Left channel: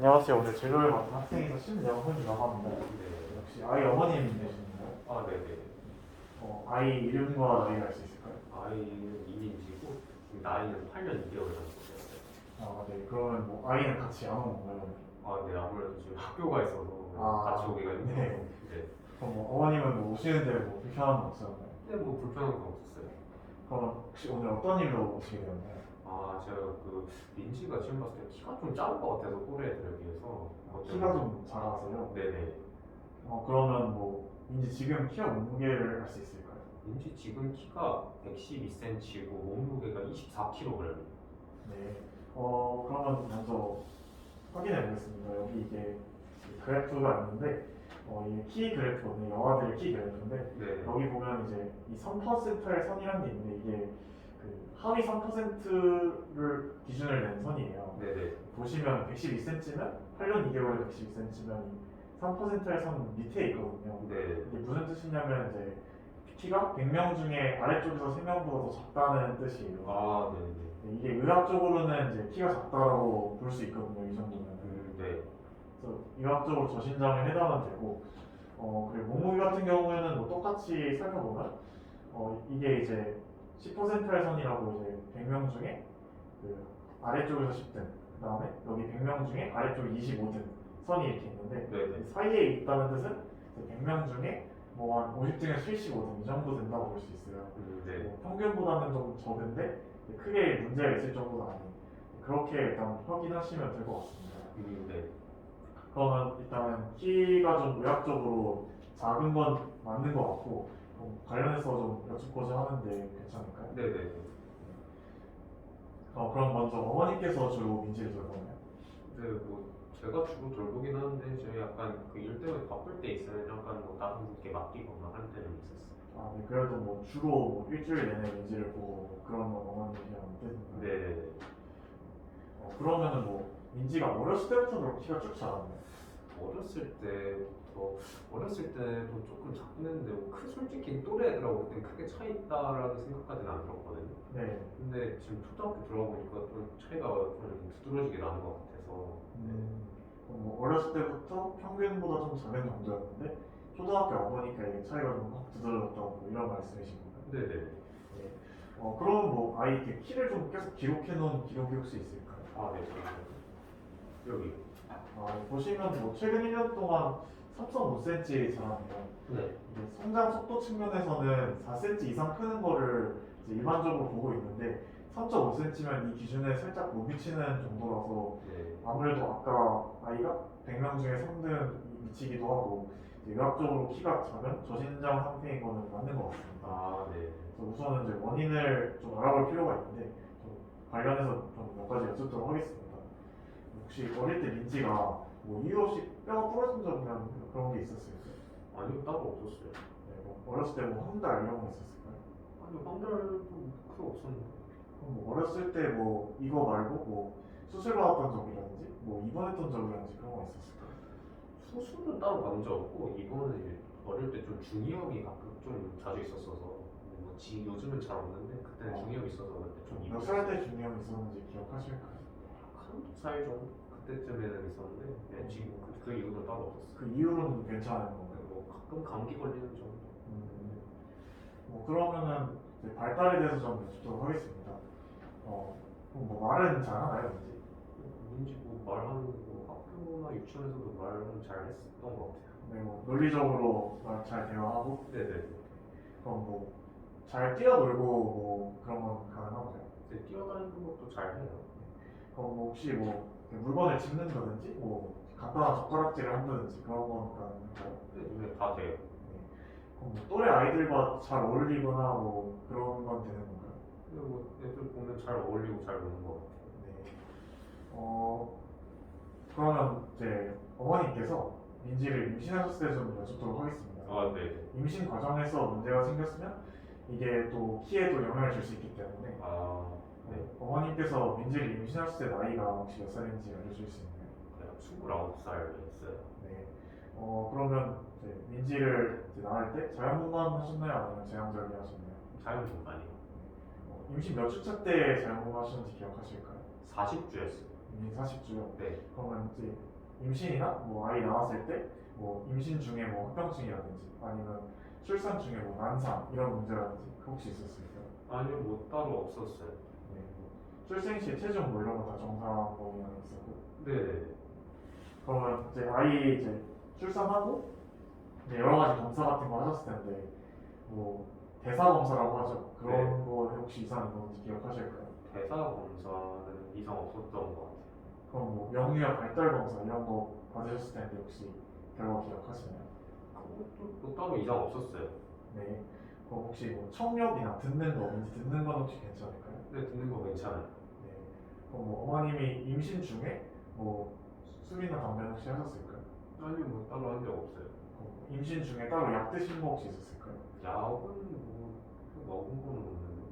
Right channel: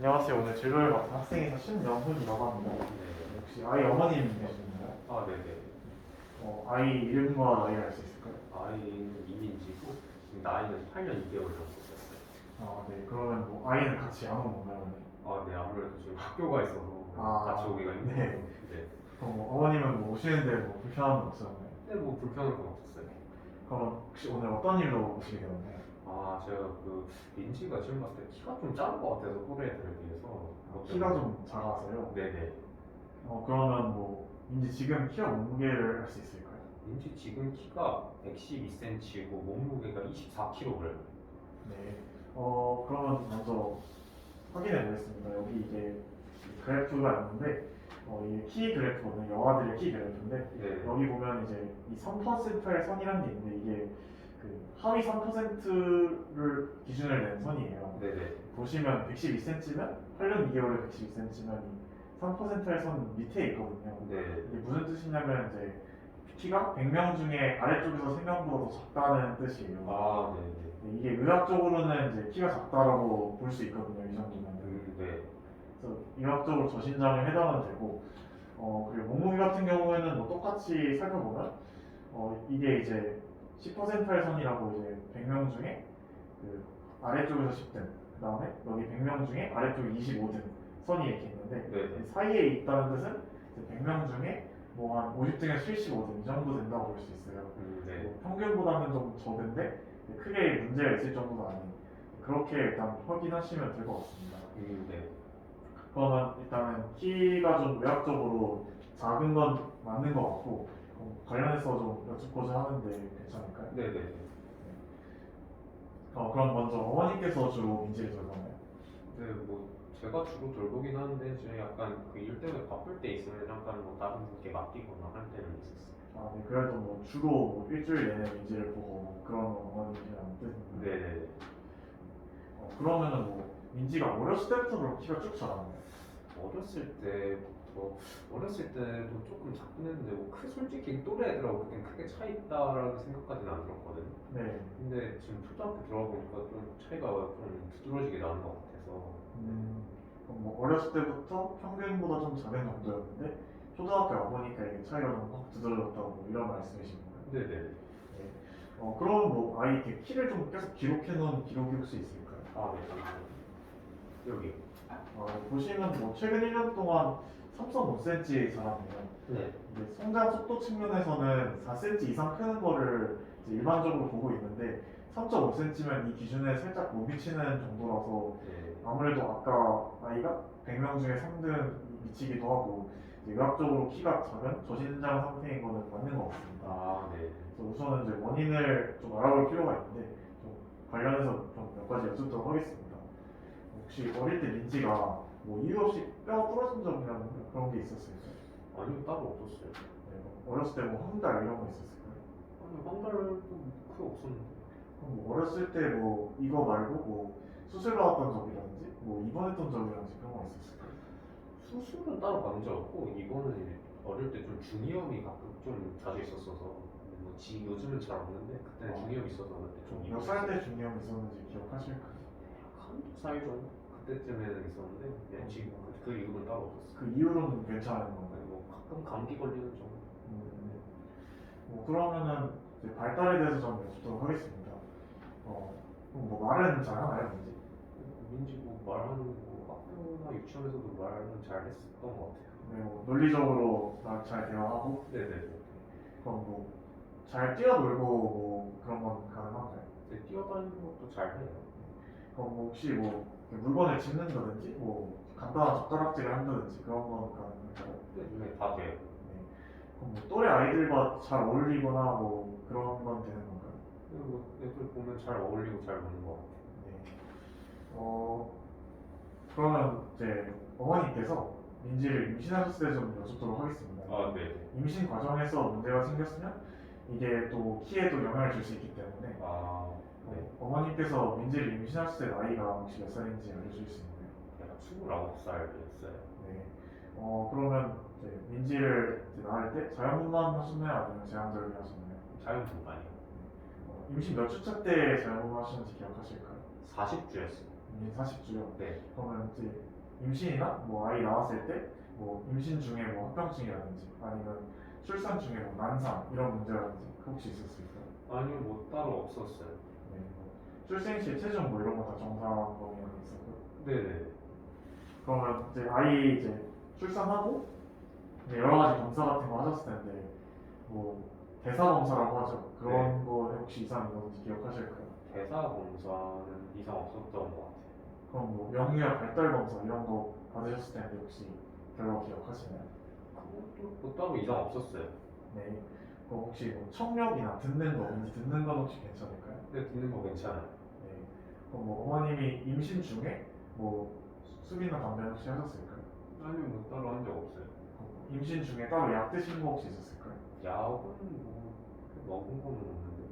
안녕하세요. 오늘 진로를 맡은 학생에서 신명훈이라고 합니다. 네. 혹시 아이 어머님 되시나요? 아, 네네. 아이 이름과 나이를 알 수 있을까요? 아이는 이민지고 지금 나이는 8년 2개월 정도 됐어요. 네. 그러면 뭐 아이는 같이 안 온 건가요? 아, 네. 아무래도 지금 학교가 있어서 같이 오기가 힘들어서. 네. 네. 그럼 뭐 어머님은 뭐 오시는데 뭐 불편한 거 없었나요? 근데 뭐 불편한 건 없었어요. 그럼 혹시 오늘 어떤 일로 오시게 되었나요? 아, 제가 그 민지가 지금 봤을 때 키가 좀 작은 것 같아서 또래 애들에 비해서. 키가 좀 작아서요. 네네. 그러면 뭐 민지 지금 키와 몸무게를 알 수 있을까요? 민지 지금 키가 112cm고 몸무게가 24kg. 네. 그러면 먼저 확인해 보겠습니다. 여기 이게 그래프가 있는데, 이게 키 그래프거든요. 여아들의 키 그래프인데, 네. 여기 보면 이제 이 3%의 선이라는 게 있는데, 이게 그 하위 3%를 기준을 낸 선이에요. 네네. 보시면 112cm면 8년 2개월에 112cm면 3%의 선 밑에 있거든요. 네. 이게 무슨 뜻이냐면 이제 키가 100명 중에 아래쪽에서 3명보다 더 작다는 뜻이에요. 아, 네네. 이게 의학적으로는 이제 키가 작다라고 볼 수 있거든요. 이 정도면. 네. 그래서 의학적으로 저신장에 해당은 되고, 그리고 몸무게 같은 경우에는 뭐 똑같이 살펴보면, 이게 이제 10%의 선이라고 이제 100명 중에 그 아래쪽에서 10등, 그 다음에 여기 100명 중에 아래쪽에 25등 선이 이렇게 있는데, 네네. 이 사이에 있다는 뜻은 이제 100명 중에 뭐 한 50등에서 75등 이 정도 된다고 볼 수 있어요. 네. 뭐 평균보다는 좀 적은데 크게 문제가 있을 정도는 아닌, 그렇게 일단 확인하시면 될 것 같습니다. 네. 그러면 일단은 키가 좀 의학적으로 작은 건 맞는 것 같고, 관련해서 좀 여쭙고자 하는데 괜찮을까요? 네네. 그럼 먼저 어머님께서 주로 민지를 돌보나요? 네, 뭐 제가 주로 돌보긴 하는데 제가 약간 그 일 때문에 바쁠 때 있어요. 잠깐 뭐 다른 분께 맡기거나 할 때는 있었어요. 네. 그래도 뭐 주로 뭐 일주일 내내 민지를 보고 그런 건 어머님이랑 뜻인가요? 네네네. 그러면은 뭐 민지가 어렸을 때부터 그렇게 키가 쭉 자랐나요? 어렸을 때부터 어렸을 때도 조금 작긴 했는데 솔직히 또래 애들하고 그땐 크게 차이 있다라는 생각까지는 안 들었거든요. 네. 근데 지금 초등학교 들어보니까 좀 차이가 좀 두드러지게 나는 것 같아서. 그럼 뭐 어렸을 때부터 평균보다 좀 작은 정도였는데 초등학교 와보니까 이게 차이가 좀 확 두드러졌다고 뭐 이런 말씀이신 건가요? 네네네. 네. 그러면 뭐 아이 이렇게 키를 좀 계속 기록해 놓은 기록이 혹시 있을까요? 아, 네. 잠시만요. 여기요. 보시면 뭐 최근 1년 동안 3.5cm 자랐네요. 네. 이제 성장 속도 측면에서는 4cm 이상 크는 거를 이제 일반적으로 보고 있는데 3.5cm면 이 기준에 살짝 못 미치는 정도라서 네. 아무래도 아까 아이가 100명 중에 3등 미치기도 하고 이제 의학적으로 키가 작은 저신장 상태인 거는 맞는 것 같습니다. 아, 네. 그래서 우선은 이제 원인을 좀 알아볼 필요가 있는데 좀 관련해서 좀 몇 가지 여쭙도록 하겠습니다. 혹시 어릴 때 민지가 뭐 이유 없이 뼈가 부러진 적이나 그런 게 있었을까요? 아니요, 따로 없었어요. 네, 뭐 어렸을 때 뭐 황달 이런 거 있었을까요? 아니요, 황달도 크게 없었는데. 그럼 뭐 어렸을 때 뭐 이거 말고 뭐 수술 받았던 적이라든지 뭐 입원했던 적이라든지 그런 거 있었을까요? 수술은 따로 받은 적 없고 이거는 이제 어릴 때 좀 중이염이 가끔 좀 자주 있었어서 요즘은 잘 없는데 그때는 중이염이 있어서 그때 좀 몇 살 때 중이염 있었는지 기억하실까요? 한두 살 정도 그때쯤에는 있었는데 지금 그 이후는 따로 없었어요. 그 이후로는 괜찮은 건가요? 뭐 가끔 감기 걸리는 정도. 뭐 그러면은 이제 발달에 대해서 좀 여쭙도록 하겠습니다. 그럼 뭐 말은 잘 하나요, 민지? 민지 뭐 말하는 뭐 학교나 유치원에서도 말은 잘 했었던 것 같아요. 네, 뭐 논리적으로 말 잘 대화하고. 네네. 그럼 뭐 잘 뛰어놀고 뭐 그런 건 가능한가요? 네, 뛰어다니는 것도 잘 해요. 그럼 뭐 혹시 뭐 물건을 짚는다든지 뭐 간단한 젓가락질을 한다든지 그런 건 가능할까요? 네, 다 돼요. 그럼 뭐 또래 아이들과 잘 어울리거나 뭐 그런 건 되는 건가요? 그리고 애들 보면 잘 어울리고 잘 노는 것 같아요. 네. 그러면 이제 어머니께서 민지를 임신하셨을 때 좀 여쭙도록 하겠습니다. 아, 네. 임신 과정에서 문제가 생겼으면 이게 또 키에도 영향을 줄 수 있기 때문에 아, 네. 어머님께서 민지를 임신하셨을 때 나이가 혹시 몇 살인지 알려주실 수 있나요? 제가 29살이었어요. 네. 그러면 이제 민지를 이제 낳을 때 자연분만 하셨나요? 아니면 제왕절개 하셨나요? 자연분만이요. 임신 몇 주차 때 자연분만 하셨는지 기억하실까요? 40주였어요. 임신 40주요. 네. 그러면 이제 임신이나 뭐 아이 낳았을 때 뭐 임신 중에 뭐 합병증이라든지 아니면 출산 중에 뭐 난상 이런 문제라든지 혹시 있었을까요? 아니요, 뭐 따로 없었어요. 네, 뭐 출생 시 체중 뭐 이런 거 다 정상범위에 있었고. 네네. 그러면 이제 아이 이제 출산하고 이제 여러 가지 검사 같은 거 하셨을 텐데 뭐 대사 검사라고 하죠. 그런 네. 거 혹시 이상 있는지 기억하실까요? 대사 검사는 이상 없었던 것 같아요. 그럼 뭐 영유아 발달 검사 이런 거 받으셨을 텐데 혹시 결과 기억하시나요? 그것도 뭐 따로 이상 없었어요. 네. 그럼 혹시 뭐 청력이나 듣는 거, 왠지 듣는 건 혹시 괜찮을까요? 근데 듣는 거 괜찮아요. 네. 그럼 뭐 어머님이 임신 중에 뭐 술이나 담배 혹시 하셨을까요? 아니요, 뭐 따로 한 적 없어요. 뭐 임신 중에 따로 약 드신 거 혹시 있었을까요? 약은 뭐 먹은 거는 없는데.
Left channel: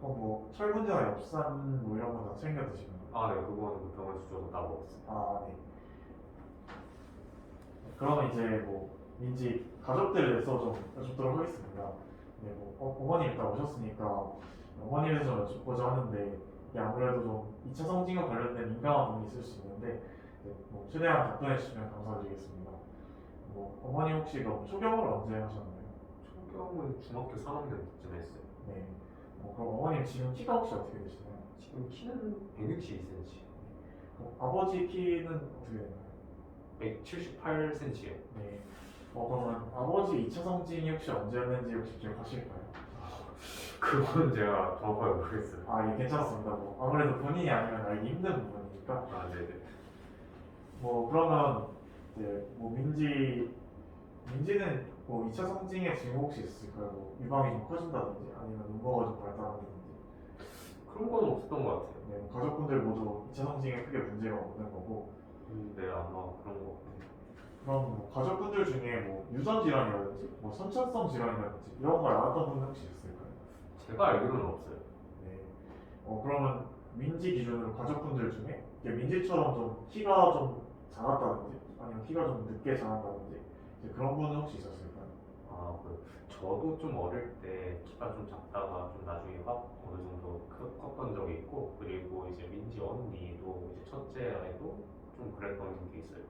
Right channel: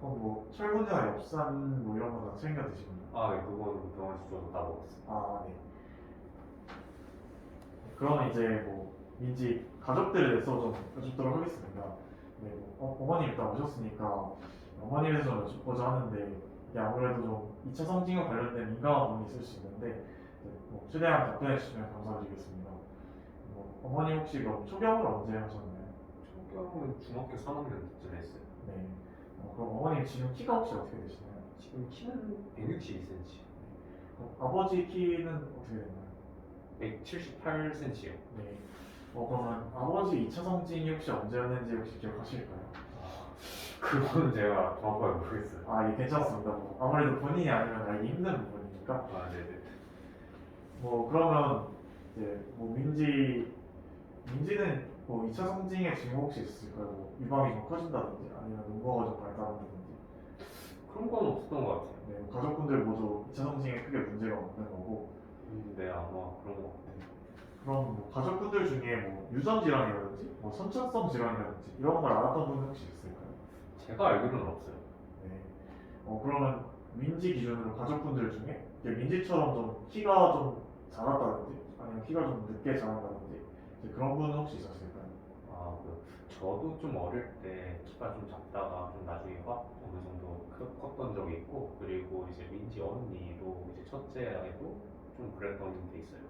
그럼 뭐 철분제나 엽산 뭐 이런 거 다 챙겨 드시는 거예요? 아, 네, 그거는 병원에서 줘서 다 먹었어요. 아, 네. 그러면 이제 뭐 민지 가족들에 대해서 좀 여쭙도록 하겠습니다. 네, 뭐 어머님 일단 오셨으니까 어머님에 대해서 좀 여쭙고자 하는데 이게 아무래도 좀 2차 성징과 관련된 민감한 부분이 있을 수 있는데 네, 뭐 최대한 답변해 주시면 감사드리겠습니다. 뭐 어머님 혹시 그럼 초경을 언제 하셨나요? 초경은 중학교 3학년쯤 했어요. 네. 그럼 어머님 지금 키가 혹시 어떻게 되시나요? 지금 키는 162cm, 그럼 아버지 키는 어떻게 되나요? 178cm요. 네. 그러면 아버지 2차 성징이 혹시 언제였는지 혹시 기억하실까요? 그건 제가 정확하게 모르겠어요. 아, 예, 괜찮습니다. 뭐 아무래도 본인이 아니면 알기 힘든 부분이니까. 아, 네네. 뭐 그러면 이제 뭐 민지는 뭐 2차 성징의 징후 혹시 있을까요? 뭐 유방이 좀 커진다든지 아니면 음모가 좀 발달한다든지. 그런 건 없었던 것 같아요. 네, 뭐 가족분들 모두 2차 성징에 크게 문제가 없는 거고. 네, 아마 그런 거 같아요. 그럼 뭐 가족분들 중에 뭐 유전 질환이라든지 뭐 선천성 질환이라든지 이런 걸 알았던 분 혹시 있을까요? 제가 알기로는 없어요. 네. 그러면 민지 기준으로 가족분들 중에 이게 민지처럼 좀 키가 좀 작았다든지 아니면 키가 좀 늦게 자란다든지 이제 그런 분은 혹시 있었을까요? 아, 저도 좀 어릴 때 키가 좀 작다가 좀 나중에 확 어느 정도 컸던 적이 있고, 그리고 이제 민지 언니도 이제 첫째 아이도 좀 그랬던 게 있어요.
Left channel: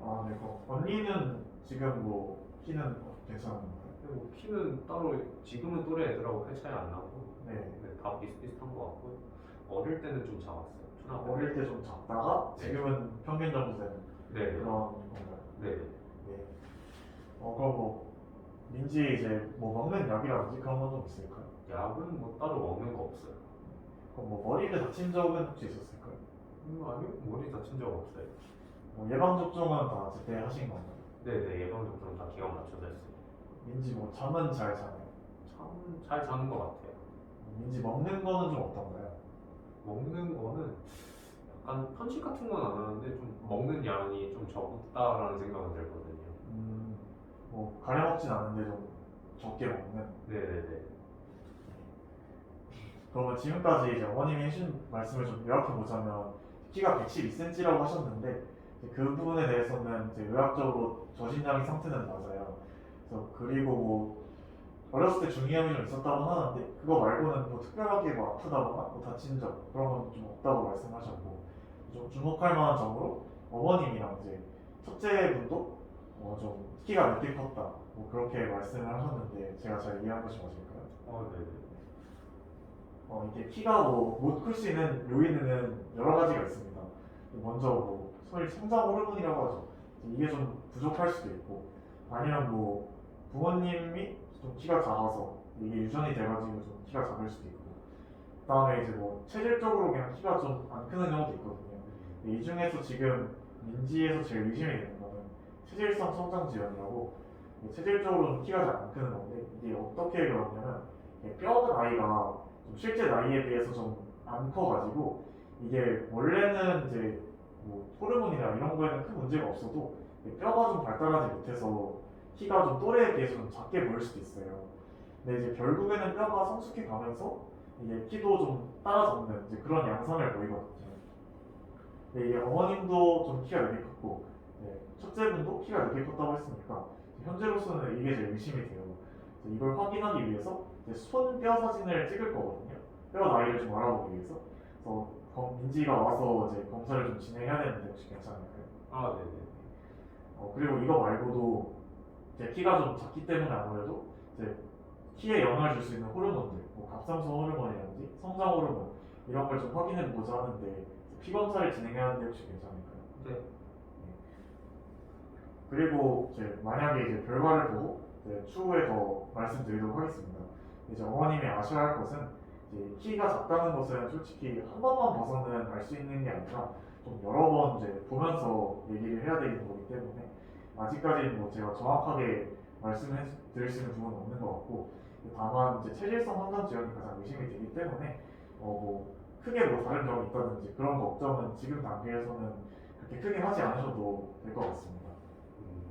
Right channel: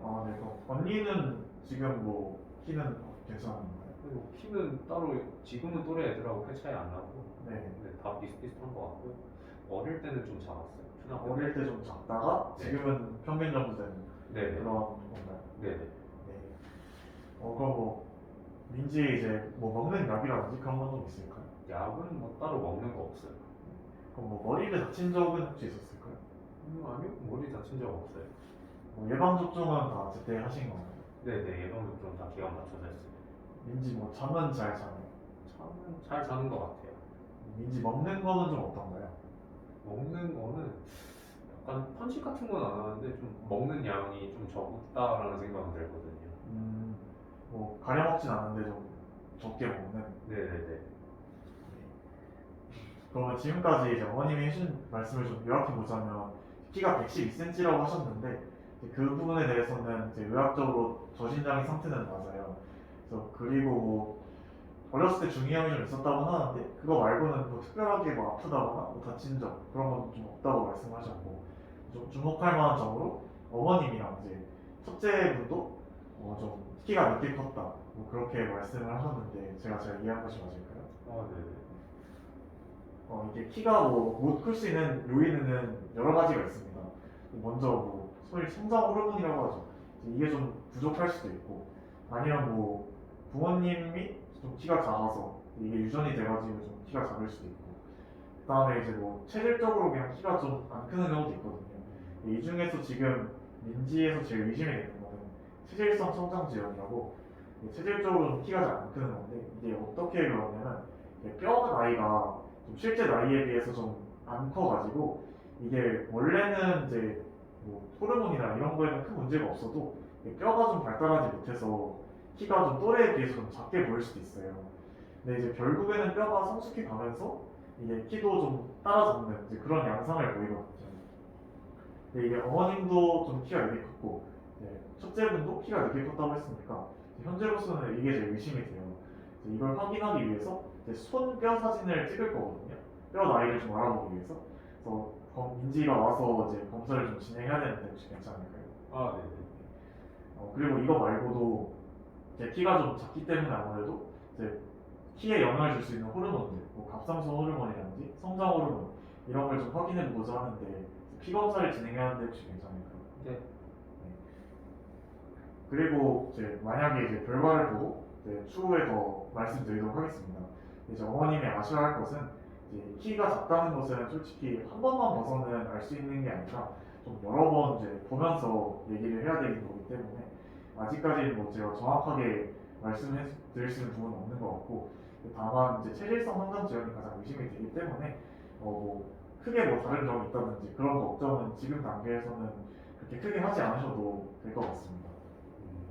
아, 네. 그럼 언니는 지금 뭐 키는 괜찮은가요? 그리고 키는 따로 지금은 또래 애들하고 큰 차이 안 나고, 네. 네, 다 비슷비슷한 것 같고, 어릴 때는 좀 작았어요. 초등학교 어릴 때 좀 작다가 네. 지금은 평균 정도 되는 네네. 그런 건가요? 네네. 네. 그럼 뭐 민지 이제 뭐 먹는 약이라든지 그런 건 좀 있을까요? 약은 뭐 따로 먹는 거 없어요. 그럼 뭐 머리를 다친 적은 혹시 있었을까요? 아니요, 머리 다친 적 없어요. 뭐 예방 접종은 다 제때 하신 건가요? 네네, 예방접종 다 기간 맞춰져 있어요. 민지 뭐 잠은 잘 자나요? 잠은 잘 자는 것 같아요. 민지 먹는 거는 좀 어떤가요? 먹는 거는 약간 편식 같은 건 안 하는데 좀 먹는 양이 좀 적다라는 생각은 들거든요. 음, 뭐 가려 먹진 않는데 좀 적게 먹는. 네네네. 그러면 지금까지 이제 어머님이 해준 말씀을 좀 요약해 보자면 키가 112cm라고 하셨는데 이제 그 부분에 대해서는 이제 의학적으로 저신장의 상태는 맞아요. 그래서 그리고 뭐 어렸을 때 중이염이 좀 있었다고 하는데 그거 말고는 뭐 특별하게 뭐 아프다거나 뭐 다친 적 그런 건 좀 없다고 말씀하셨고 좀 주목할 만한 점으로 어머님이랑 이제 첫째 분도 좀 키가 늦게 컸다 뭐 그렇게 말씀을 하셨는데 제가 잘 이해한 것이 맞을까요? 네네. 이게 키가 뭐 못 클 수 있는 요인은 여러 가지가 있습니다. 먼저 뭐 소위 성장 호르몬이라고 하죠. 이게 좀 부족할 수도 있고 아니면 뭐 부모님이 좀 키가 작아서 이게 유전이 돼가지고 좀 키가 작을 수도 있고 그다음에 이제 뭐 체질적으로 그냥 키가 좀 안 크는 경우도 있거든요. 이 중에서 지금 민지에서 제일 의심이 되는 거는 체질성 성장 지연이라고 체질적으로 좀 키가 잘 안 크는 건데 이게 어떻게 그러냐면 뼈 나이가 좀 실제 나이에 비해서 좀 안 커가지고 이게 원래는 이제 뭐 호르몬이나 이런 거에는 큰 문제가 없어도 뼈가 좀 발달하지 못해서 키가 좀 또래에 비해서 좀 작게 보일 수도 있어요. 근데 이제 결국에는 뼈가 성숙해 가면서 이게 키도 좀 따라잡는 이제 그런 양상을 보이거든요. 근데 이게 어머님도 좀 키가 늦게 컸고 첫째분도 키가 늦게 컸다고 했으니까 현재로서는 이게 제일 의심이 돼요. 이걸 확인하기 위해서 손뼈 사진을 찍을 거거든요. 뼈 나이를 좀 알아보기 위해서. 그래서 민지가 와서 이제 검사를 좀 진행해야 되는데 혹시 괜찮을까요? 아, 네네. 그리고 이거 말고도 이제 키가 좀 작기 때문에 아무래도 이제 키에 영향을 줄 수 있는 호르몬들, 뭐 갑상선 호르몬이라든지 성장 호르몬 이런 걸 좀 확인해 보고자 하는데 피 검사를 진행하는데 혹시 괜찮을까요? 네. 그리고 이제 만약에 이제 결과를 보고 이제 추후에 더 말씀드리도록 하겠습니다. 이제 어머님이 아셔야 할 것은 이제 키가 작다는 것은 솔직히 한 번만 봐서는 알 수 있는 게 아니라 좀 여러 번 이제 보면서 얘기를 해야 되는 거기 때문에 아직까지는 뭐 제가 정확하게 말씀해 드릴 수 있는 부분은 없는 것 같고 다만 이제 체질성 성장 지연이 가장 의심이 되기 때문에 뭐 크게 뭐 다른 점이 있다든지 그런 걱정은 지금 단계에서는 그렇게 크게 하지 않으셔도 될 것 같습니다.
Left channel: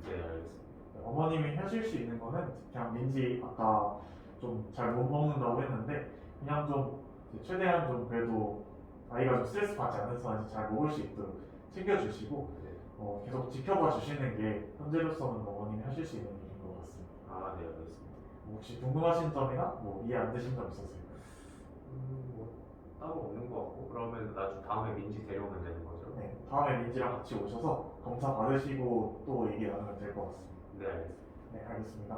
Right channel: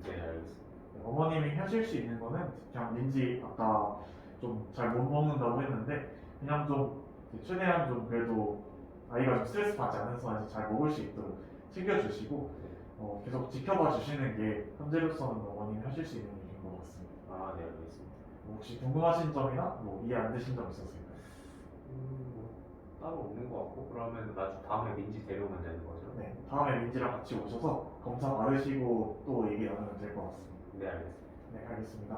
네, 알겠습니다. 어머님이 하실 수 있는 거는 그냥 민지 아까 좀 잘 못 먹는다고 했는데 그냥 좀 최대한 좀 그래도 아이가 좀 스트레스 받지 않는 선에서 잘 먹을 수 있도록 챙겨주시고 네. 계속 지켜봐 주시는 게 현재로서는 어머님이 하실 수 있는 일인 것 같습니다. 아, 네, 알겠습니다. 혹시 궁금하신 점이나 뭐 이해 안 되신 점 있었을까요? 뭐 따로 없는 것 같고 그러면 나중 다음에 민지 데려오면 되는 거죠? 네, 다음에 민지랑 같이 오셔서 검사 받으시고 또 얘기 나누면 될 것 같습니다. 네, 알겠습니다. 네, 알겠습니다.